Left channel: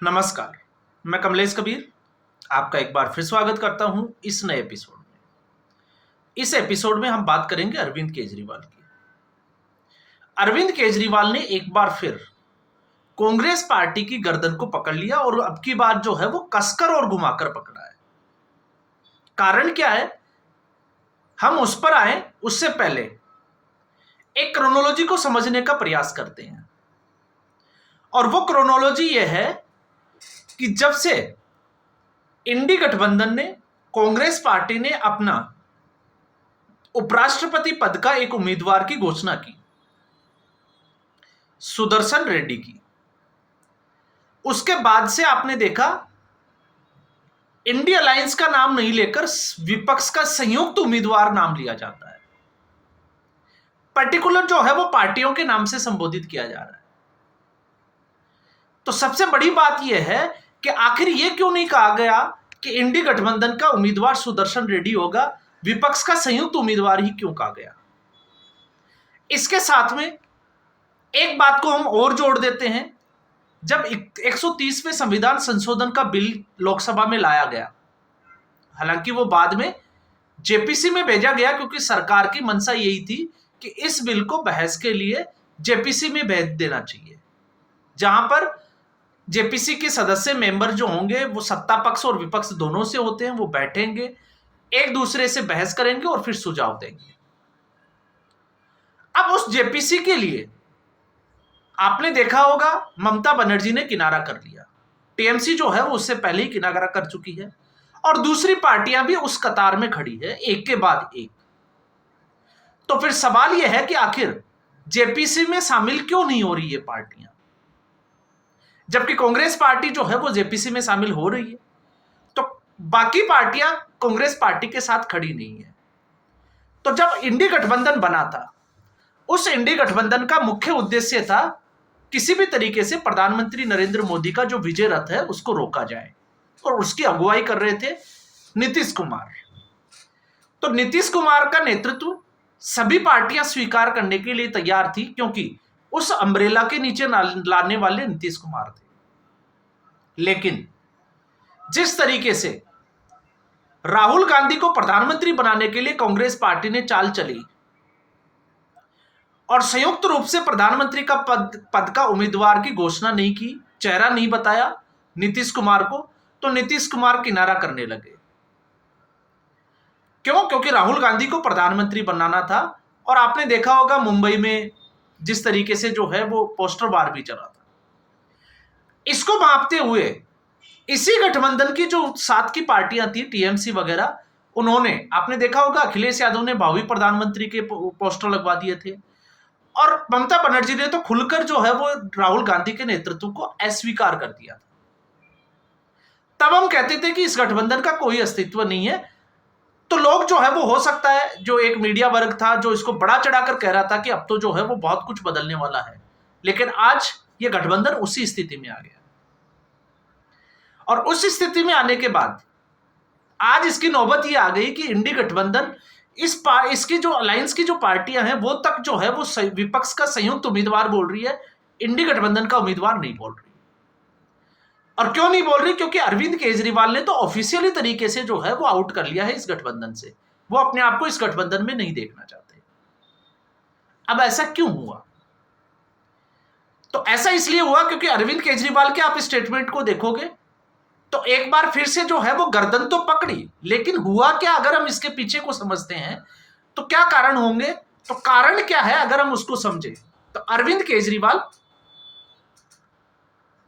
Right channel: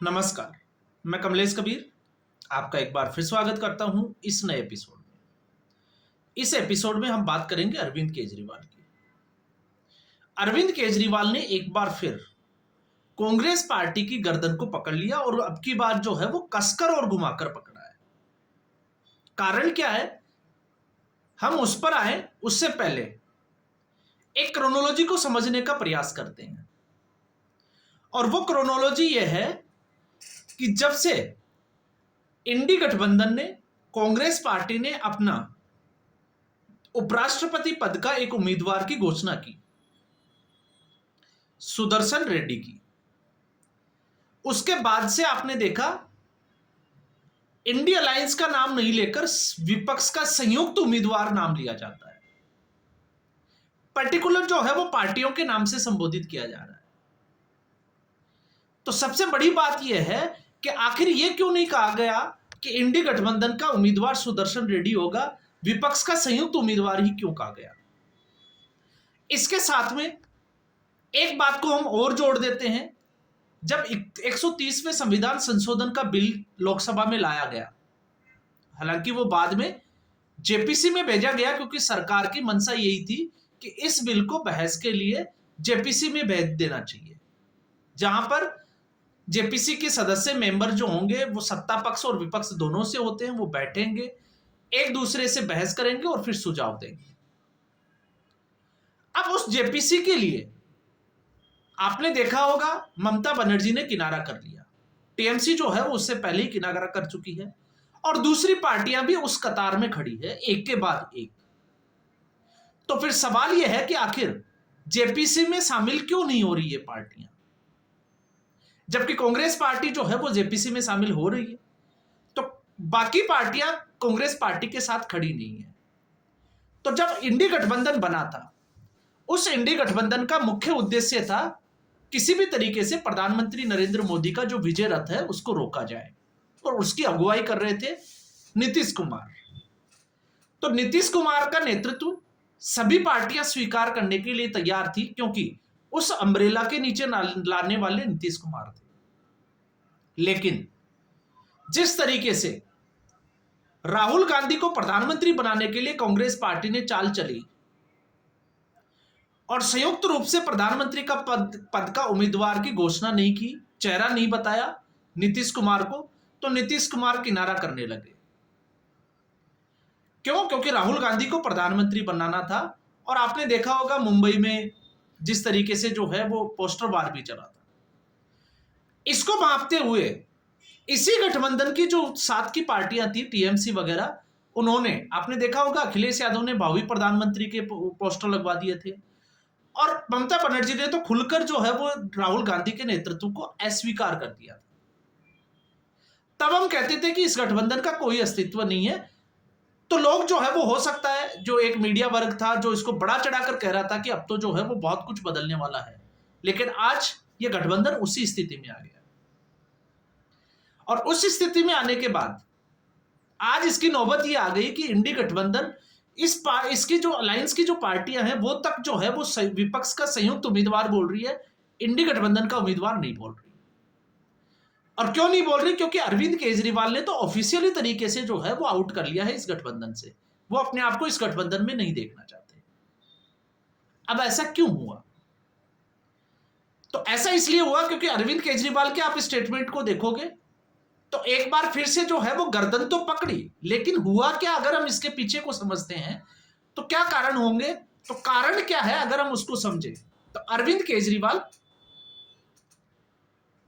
नमस्कार। मैं कमलेश कबीर आपका एक बार फिर स्वागत करता हूं इस नए एपिसोड में। इस एपिसोड में हम बात करेंगे अरविंद केजरीवाल की। अरविंद केजरीवाल ने एक बार फिर कांग्रेस पार्टी की गर्दन को पकड़ लिया और अब की बार जो है वो कसकर और घुमाकर पकड़ा है। कारण क्या है, हम उस पर आए उससे पहले एक क्रोनोलॉजी को समझने का प्रयास करते हैं। और वो क्रोनोलॉजी ये है कि जब से इंडी गठबंधन ने, कांग्रेस पार्टी ने अपना उपराष्ट्रपति पद का एक उम्मीदवार की घोषणा की, सुदर्शन रेड्डी की, उसके बाद से आपने देखा इंडिया अलायंस का नाम नहीं लेकर विपक्ष का संयुक्त उम्मीदवार नाम लिया जाता है। पर्टिकुलर जो है वो पार्टियों के नाम से संबोधित किया जा रहा है। तो सबसे बड़ी बात यह है कि आखिर यह क्यों नहीं कहा गया कि इंडी गठबंधन का उम्मीदवार सुदर्शन रेड्डी होगा, विपक्ष का संयुक्त उम्मीदवार ही क्यों कहा गया। इसके साथ में एक बात को हम और जोड़ देते हैं। जब 130वें संविधान संशोधन का बिल लोकसभा में लाया गया, हालांकि वो बाद में जेपीसी में भेजा गया क्योंकि सरकार की मंशा यही थी कि इस बिल को बहस के लिए जेपीसी में भेज देना चाहिए, जहां पर जेपीसी के सदस्य मेंबर जो होंगे वो सत्ता पक्ष और विपक्ष दोनों से होते हैं। वो बैठेंगे, एक दूसरे से बहस करेंगे और फिर सुझाव देंगे। अब उस जेपीसी के लिए आपने देखा होगा ममता बनर्जी ने किनारा कर लिया। टीएमसी जो है वो उससे पहले ही किनारा कर चुकी है और दूसरी पार्टियां भी उस कतार में खड़ी है, एक के बाद एक। तो फिर सवाल यह है कि आखिर जेपीसी में शामिल क्यों नहीं हो रही है पार्टियां, जबकि कांग्रेस पार्टी जो है वो जेपीसी में शामिल हो रही है। तो बाकी पार्टियां कांग्रेस पार्टी के साथ खड़ी नहीं है। तो जब इंडी गठबंधन बना था, उस इंडी गठबंधन का मुख्य उद्देश्य था किसी भी तरीके से प्रधानमंत्री नरेंद्र मोदी का जो विजय रथ है उसको रोका जाए, और उसकी अगुवाई कर रहे थे नीतीश कुमार। तो नीतीश कुमार का नेतृत्व सभी पार्टियां स्वीकार करने के लिए तैयार थी, क्योंकि उस अम्ब्रेला के नीचे लाने वाले नीतीश कुमार थे। लेकिन जिस तरीके से राहुल गांधी को प्रधानमंत्री बनाने के लिए कांग्रेस पार्टी ने चाल चली और संयुक्त रूप से प्रधानमंत्री का पद का उम्मीदवार की घोषणा नहीं की, चेहरा नहीं बताया नीतीश कुमार को, तो नीतीश कुमार किनारा करने लगे। क्यों? क्योंकि राहुल गांधी को प्रधानमंत्री बनाना था। और आपने देखा होगा मुंबई में जिस तरीके से जो है वो पोस्टर वार भी चला था। इसको मापते हुए इसी गठबंधन की जो साथ की पार्टियां थी, टीएमसी वगैरह, उन्होंने, आपने देखा होगा अखिलेश यादव ने भावी प्रधानमंत्री के पोस्टर लगवा दिए थे, और ममता बनर्जी ने तो खुलकर जो है वो राहुल गांधी के नेतृत्व को अस्वीकार कर दिया था। तब हम कहते थे कि इस गठबंधन का कोई अस्तित्व नहीं है। तो लोग जो है वो, हो सकता है जो एक मीडिया वर्ग था जो इसको बड़ा चढ़ाकर कह रहा था कि अब तो जो है वो बहुत कुछ बदलने वाला है, लेकिन आज ये गठबंधन उसी स्थिति में आ गया। और उस स्थिति में आने के बाद आज इसकी नौबत ये आ गई कि इंडी गठबंधन इसकी जो अलायंस की जो पार्टियां हैं वो तक जो है वो विपक्ष का संयुक्त उम्मीदवार बोल रही है, इंडी गठबंधन का उम्मीदवार नहीं बोल रही। और क्यों नहीं बोल रही? क्योंकि अरविंद केजरीवाल ने तो ऑफिशियली तरीके से जो है वो आउट कर लिया है इस गठबंधन से। वो अपने आप को इस गठबंधन में नहीं देखना चाहते। अब ऐसा क्यों हुआ? तो ऐसा इसलिए हुआ क्योंकि अरविंद केजरीवाल के आप स्टेटमेंट को देखोगे तो एक बार फिर से जो है वो गर्दन तो पकड़ी, लेकिन हुआ क्या अगर हम इसके पीछे को समझते हैं तो क्या कारण होंगे? तो कारण क्या है अगर हम उसको समझे, तो अरविंद केजरीवाल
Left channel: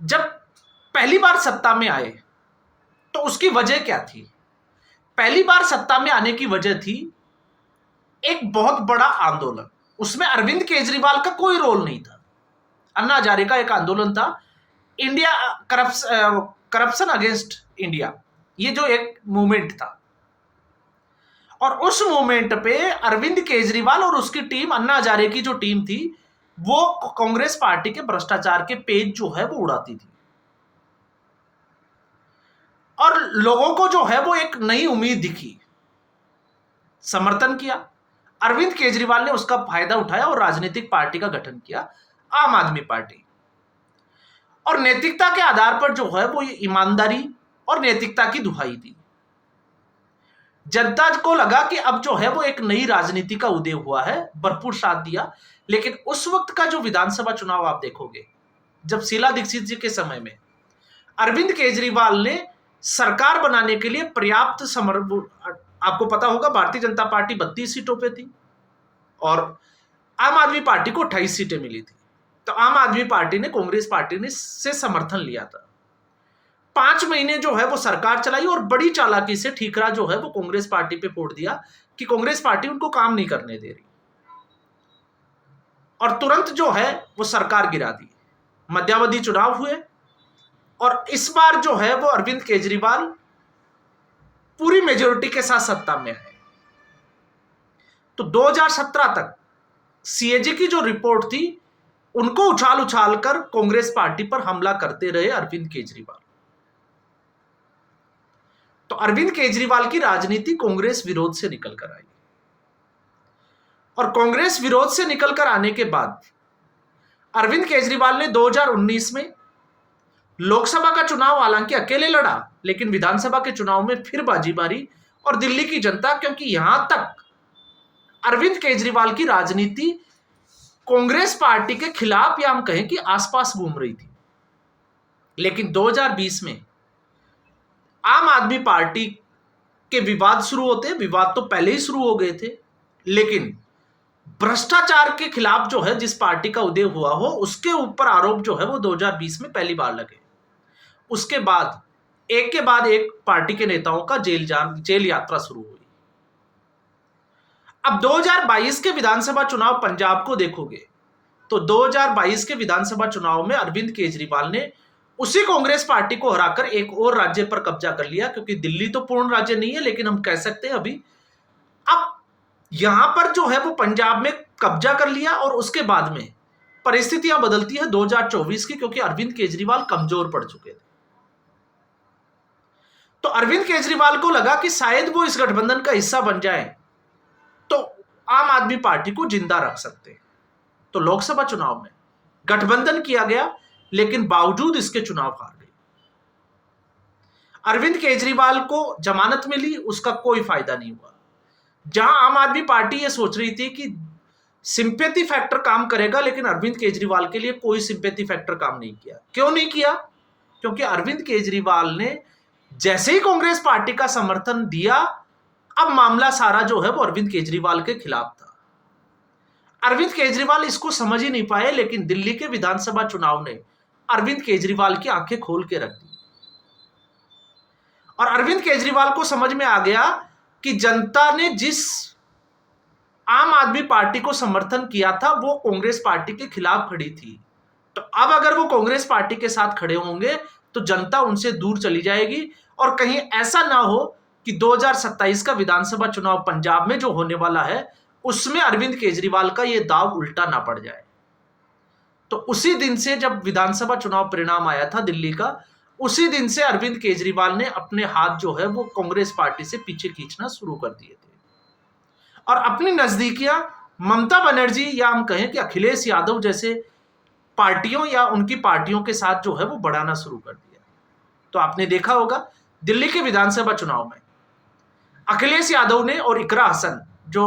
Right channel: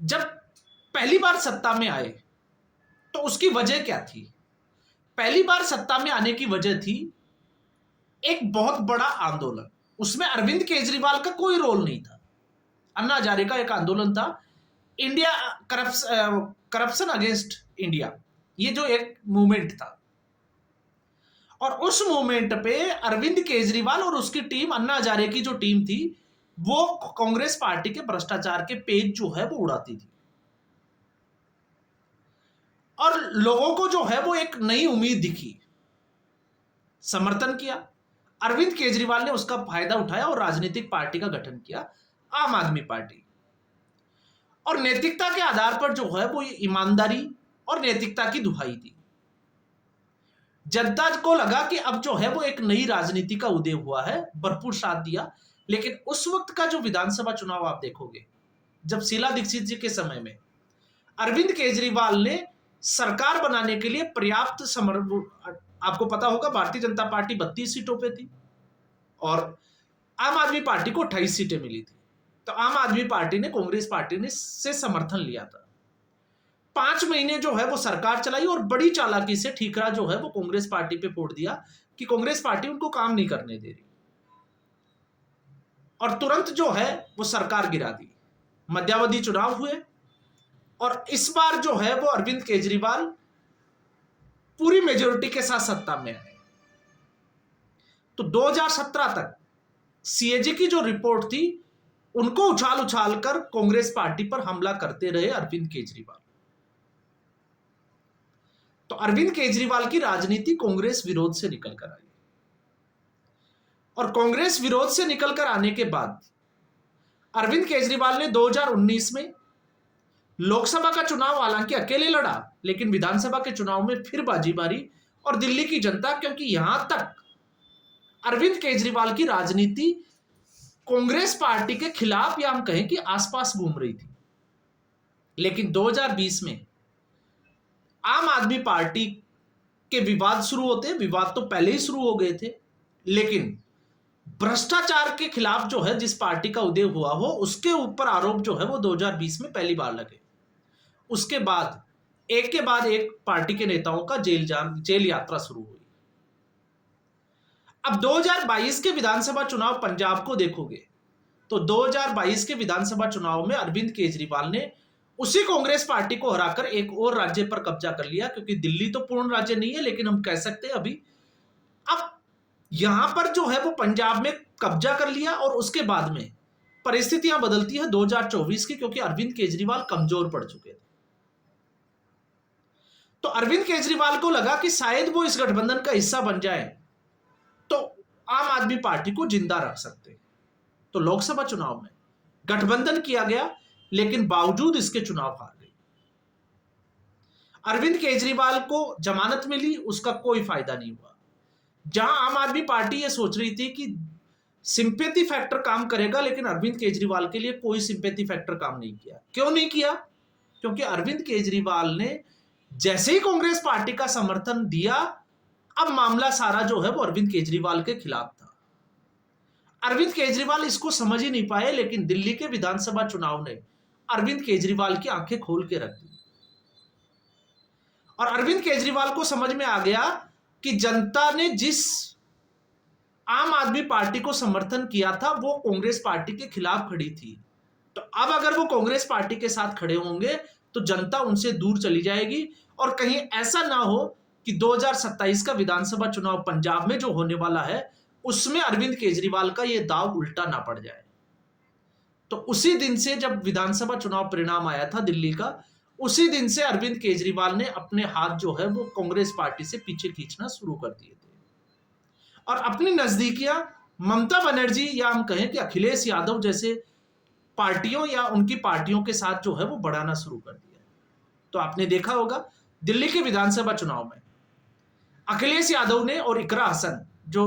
जब पहली बार सत्ता में आए तो उसकी वजह क्या थी? पहली बार सत्ता में आने की वजह थी एक बहुत बड़ा आंदोलन। उसमें अरविंद केजरीवाल का कोई रोल नहीं था। अन्ना हजारे का एक आंदोलन था, इंडिया करप्शन अगेंस्ट इंडिया, ये जो एक मूवमेंट था। और उस मूवमेंट पे अरविंद केजरीवाल और उसकी टीम, अन्ना हजारे की जो टीम थी, वो कांग्रेस पार्टी के भ्रष्टाचार के पेज जो है वो उड़ाती थी, और लोगों को जो है वो एक नई उम्मीद दिखी, समर्थन किया। अरविंद केजरीवाल ने उसका फायदा उठाया और राजनीतिक पार्टी का गठन किया, आम आदमी पार्टी। और नैतिकता के आधार पर जो है वो ईमानदारी और नैतिकता की दुहाई दी। जनता को लगा कि अब जो है वो एक नई राजनीति का उदय हुआ है, भरपूर साथ दिया। लेकिन उस वक्त का जो विधानसभा चुनाव आप देखोगे, जब शीला दीक्षित जी के समय में अरविंद केजरीवाल ने सरकार बनाने के लिए पर्याप्त आपको पता होगा भारतीय जनता पार्टी 32 सीटों पे थी और आम आदमी पार्टी को 28 सीटें मिली थी। तो आम आदमी पार्टी ने कांग्रेस पार्टी ने से समर्थन लिया था। 5 महीने जो है वो सरकार चलाई और बड़ी चालाकी से ठीकरा जो है वो कांग्रेस पार्टी पे फोड़ दिया कि कांग्रेस पार्टी उनको काम नहीं करने दे रही, और तुरंत जो है वो सरकार गिरा दी। मध्यावधि चुनाव हुए और इस बार जो है वो अरविंद केजरीवाल पूरी मेजोरिटी के साथ सत्ता में आए। तो 2017 तक सीएजी की जो रिपोर्ट थी उनको उछाल उछाल कर कांग्रेस पार्टी पर हमला करते रहे अरविंद केजरीवाल। तो अरविंद केजरीवाल की राजनीति कांग्रेस विरोध से निकल कर आई और कांग्रेस विरोध से निकलकर आने के बाद अरविंद केजरीवाल ने 2019 में लोकसभा का चुनाव हालांकि अकेले लड़ा, लेकिन विधानसभा के चुनाव में फिर बाजी मारी। और दिल्ली की जनता, क्योंकि यहां तक अरविंद केजरीवाल की राजनीति कांग्रेस पार्टी के खिलाफ या हम कहें कि आसपास घूम रही थी, लेकिन 2020 में आम आदमी पार्टी के विवाद शुरू होते, विवाद तो पहले ही शुरू हो गए थे, लेकिन भ्रष्टाचार के खिलाफ जो है जिस पार्टी का उदय हुआ हो उसके ऊपर आरोप जो है वो 2020 में पहली बार लगे। उसके बाद एक पार्टी के नेताओं का जेल यात्रा शुरू हुई। अब 2022 के विधानसभा चुनाव पंजाब को देखोगे तो 2022 के विधानसभा चुनाव में अरविंद केजरीवाल ने उसी कांग्रेस पार्टी को हराकर एक और राज्य पर कब्जा कर लिया, क्योंकि दिल्ली तो पूर्ण राज्य नहीं है लेकिन हम कह सकते हैं अभी। अब यहां पर जो है वो पंजाब में कब्जा कर लिया और उसके बाद में परिस्थितियां बदलती है 2024 की, क्योंकि अरविंद केजरीवाल कमजोर पड़ चुके थे। तो अरविंद केजरीवाल को लगा कि शायद वो इस गठबंधन का हिस्सा बन जाए तो आम आदमी पार्टी को जिंदा रख सकते हैं। तो लोकसभा चुनाव में गठबंधन किया गया, लेकिन बावजूद इसके चुनाव हार गए। अरविंद केजरीवाल को जमानत मिली, उसका कोई फायदा नहीं हुआ। जहां आम आदमी पार्टी ये सोच रही थी कि सिंपैथी फैक्टर काम करेगा, लेकिन अरविंद केजरीवाल के लिए कोई सिंपैथी फैक्टर काम नहीं किया। क्यों नहीं किया? क्योंकि अरविंद केजरीवाल ने जैसे ही कांग्रेस पार्टी का समर्थन दिया, अब मामला सारा जो है वो अरविंद केजरीवाल के खिलाफ था। अरविंद केजरीवाल इसको समझ ही नहीं पाए, लेकिन दिल्ली के विधानसभा चुनाव ने अरविंद केजरीवाल की आंखें खोल के रख दी और अरविंद केजरीवाल को समझ में आ गया कि जनता ने जिस आम आदमी पार्टी को समर्थन किया था वो कांग्रेस पार्टी के खिलाफ खड़ी थी। तो अब अगर वो कांग्रेस पार्टी के साथ खड़े होंगे तो जनता उनसे दूर चली जाएगी और कहीं ऐसा ना हो कि 2027 का विधानसभा चुनाव पंजाब में जो होने वाला है उसमें अरविंद केजरीवाल का ये दाव उल्टा ना पड़ जाए। तो उसी दिन से जब विधानसभा चुनाव परिणाम आया था दिल्ली का, उसी दिन से अरविंद केजरीवाल ने अपने हाथ जो है वो कांग्रेस पार्टी से पीछे खींचना शुरू कर दिए थे और अपनी नजदीकियां ममता बनर्जी या हम कहें कि अखिलेश यादव जैसे पार्टियों या उनकी पार्टियों के साथ जो है वो बढ़ाना शुरू कर दिया। तो आपने देखा होगा दिल्ली के विधानसभा चुनाव में अखिलेश यादव ने और इकरा हसन जो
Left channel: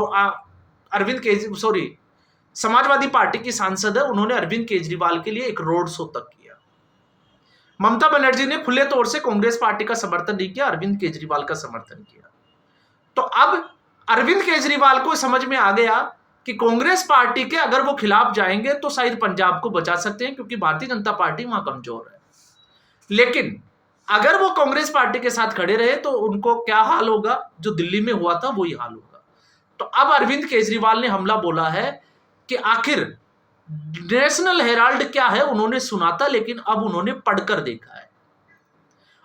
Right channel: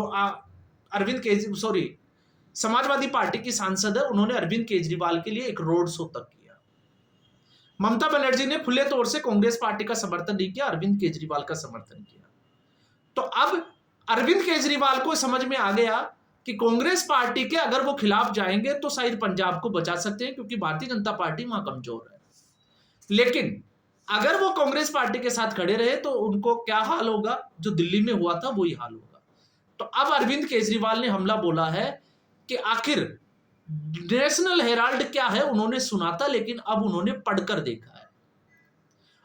समाजवादी पार्टी की सांसद है, उन्होंने अरविंद केजरीवाल के लिए एक रोड शो तक किया। ममता बनर्जी ने खुले तौर से कांग्रेस पार्टी का समर्थन नहीं किया, अरविंद केजरीवाल का समर्थन किया। तो अब अरविंद केजरीवाल को समझ में आ गया कि कांग्रेस पार्टी के अगर वो खिलाफ जाएंगे तो शायद पंजाब को बचा सकते हैं, क्योंकि भारतीय जनता पार्टी वहां कमजोर है। लेकिन अगर वो कांग्रेस पार्टी के साथ खड़े रहे तो उनको क्या हाल होगा, जो दिल्ली में हुआ था वही हाल होगा। तो अब अरविंद केजरीवाल ने हमला बोला है कि आखिर नेशनल हेराल्ड क्या है उन्होंने सुना था, लेकिन अब उन्होंने पढ़कर देखा है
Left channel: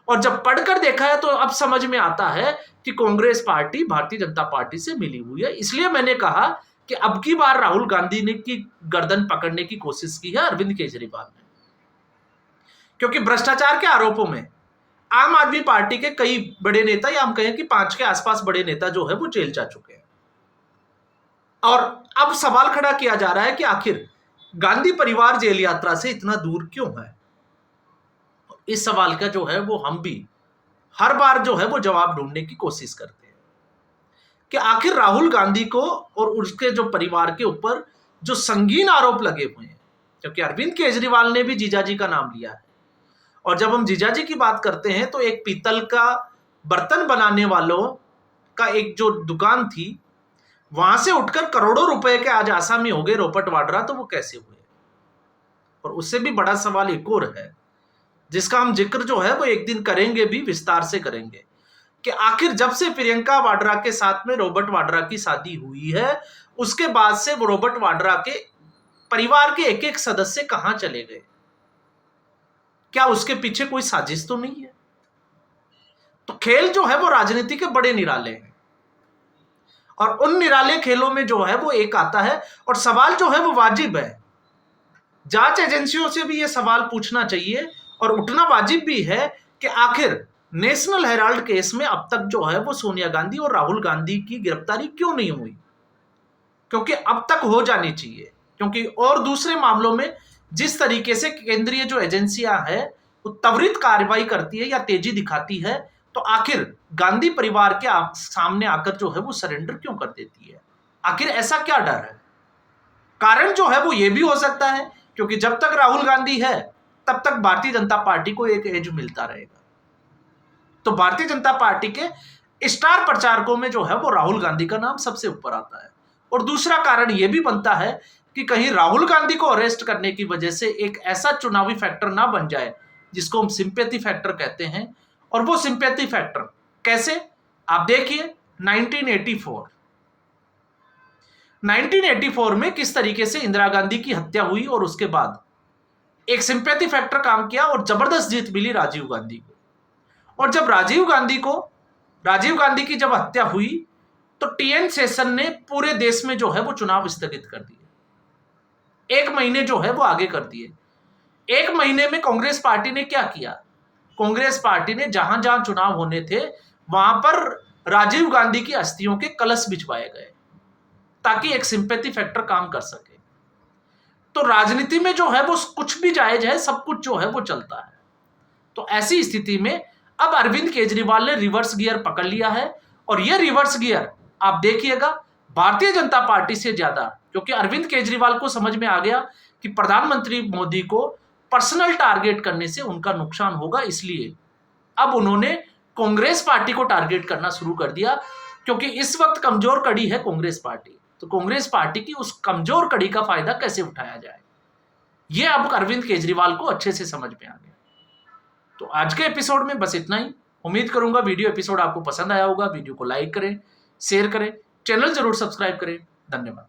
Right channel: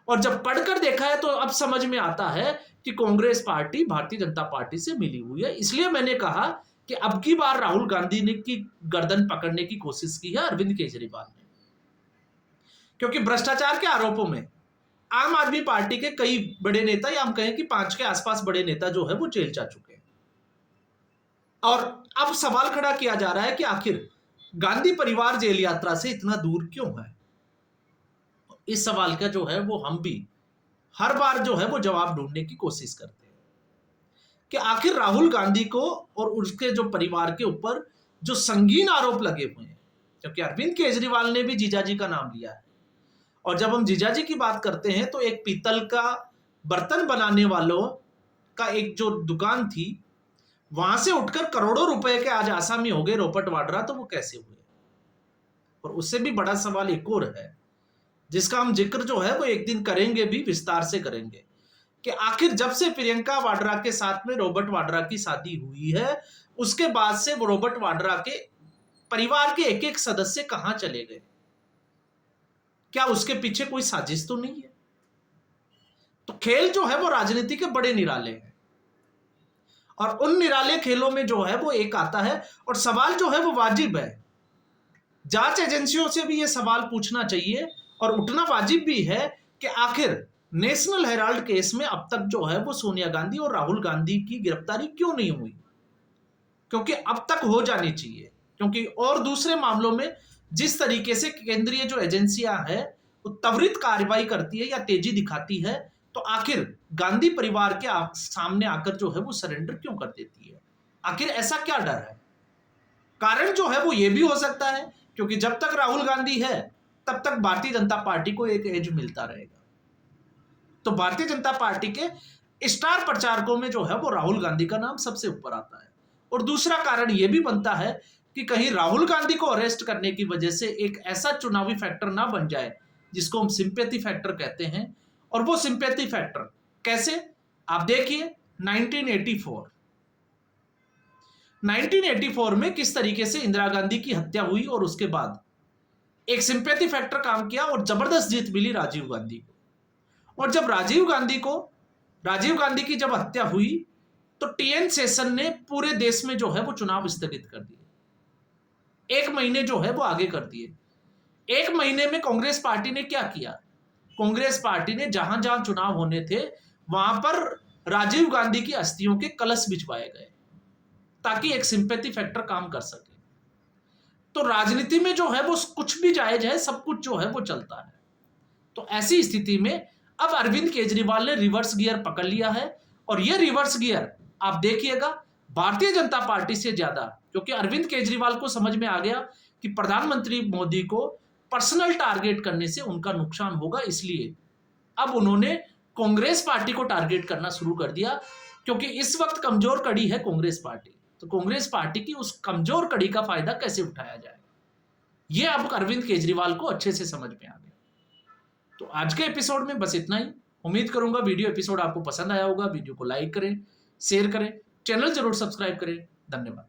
और जब पढ़कर देखा है तो अब समझ में आता है कि कांग्रेस पार्टी भारतीय जनता पार्टी से मिली हुई है। इसलिए मैंने कहा कि अब की बार राहुल गांधी ने की गर्दन पकड़ने की कोशिश की है अरविंद केजरीवाल ने, क्योंकि भ्रष्टाचार के आरोपों में आम आदमी पार्टी के कई बड़े नेता या हम कहें कि 5 के आसपास बड़े नेता जो है वो जेल जा चुके हैं। और अब सवाल खड़ा किया जा रहा है कि आखिर गांधी परिवार जेल यात्रा से इतना दूर क्यों है। इस सवाल का जो है वो हम भी हर बार जो है वो जवाब ढूंढने की कोशिश करते हैं कि आखिर राहुल गांधी को और उसके जो परिवार के ऊपर जो संगीन आरोप लगे हुए हैं, क्योंकि अरविंद केजरीवाल ने भी जीजाजी का नाम लिया है। और जब हम जीजाजी की बात करते हैं तो एक पीतल का बर्तन बनाने वालों का एक जो दुकान थी, वहां से उठकर करोड़ों रुपए के आज आसामी हो गए रोबर्ट वाड्रा, तो वो कैसे हुए? और उससे भी बड़ा सवाल एक और है जिसका हम जिक्र जो है वो एक दिन करेंगे, भी विस्तार से करेंगे, कि आखिर जब से प्रियंका वाड्रा के साथ में रॉबर्ट वाड्रा की शादी हुई है, उसके बाद से वो रॉबर्ट वाड्रा के परिवार के एक एक सदस्य कहां चले गए? क्या उसके पीछे कोई साजिश तो नहीं है? तो खेल जो है वो राजनीति के बड़े निराले हैं, और उन निराले खेलों में जो है वो एक आता है, और सवाल जो है वो वाजिब है। जांच एजेंसियों से भी ये सवाल पूछना चाहिए और उठना वाजिब भी है कि आखिर नेशनल हेराल्ड केस में अब तक जो है वो सोनिया गांधी और राहुल गांधी की गिरफ्तारी क्यों नहीं हुई? क्योंकि अब तक हो जानी चाहिए, क्योंकि और दूसरे मामलों में जिस तरीके से केंद्रीय जो एजेंसियां हैं वो त्वरित कार्रवाई करती है या तेजी दिखाती है, तो आखिर गांधी परिवार के सामने आकर जो है वो सरेंडर क्यों कर देती है? आखिर ऐसा क्या डर है? कारण जो है वो ये भी हो सकता है क्योंकि जब तक राहुल गांधी है तब तक भारतीय जनता पार्टी को एक एज मिलता रहेगा। तो भारतीय जनता पार्टी के स्टार प्रचारकों में जो है वो राहुल गांधी का नाम सबसे ऊपर आता है। और दूसरा कारण यह भी बनता है कि कहीं राहुल गांधी को अरेस्ट करने की वजह से एक ऐसा चुनावी फैक्टर ना बन जाए जिसको हम सिंपैथी फैक्टर कहते हैं। और वो सिंपैथी फैक्टर कैसे? आप देखिए 1984 में किस तरीके से इंदिरा गांधी की हत्या हुई और उसके बाद एक सिंपैथी फैक्टर काम किया और जबरदस्त जीत मिली राजीव गांधी को। और जब राजीव गांधी की जब हत्या हुई तो टीएन शेषन ने पूरे देश में जो है वो चुनाव स्थगित कर दिए, 1 महीने जो है वो आगे कर दिए। 1 महीने में कांग्रेस पार्टी ने क्या किया? कांग्रेस पार्टी ने जहां जहां चुनाव होने थे वहां पर राजीव गांधी की अस्थियों के कलश बिछवाए गए ताकि एक सिंपैथी फैक्टर काम कर सके। तो राजनीति में जो है वो कुछ भी जायज है, सब कुछ जो है वो चलता है। तो ऐसी स्थिति में अब अरविंद केजरीवाल ने रिवर्स गियर पकड़ लिया है, और यह रिवर्स गियर आप देखिएगा भारतीय जनता पार्टी से ज्यादा, क्योंकि अरविंद केजरीवाल को समझ में आ गया कि प्रधानमंत्री मोदी को पर्सनल टारगेट करने से उनका नुकसान होगा, इसलिए अब उन्होंने कांग्रेस पार्टी को टारगेट करना शुरू कर दिया, क्योंकि इस वक्त कमजोर कड़ी है कांग्रेस पार्टी। तो कांग्रेस पार्टी की उस कमजोर कड़ी का फायदा कैसे उठाया जाए, यह अब अरविंद केजरीवाल को अच्छे से समझ में आ गया। तो आज के एपिसोड में बस इतना ही। उम्मीद करूंगा वीडियो एपिसोड आपको पसंद आया होगा। वीडियो को लाइक करें, शेयर करें, चैनल जरूर सब्सक्राइब करें। धन्यवाद।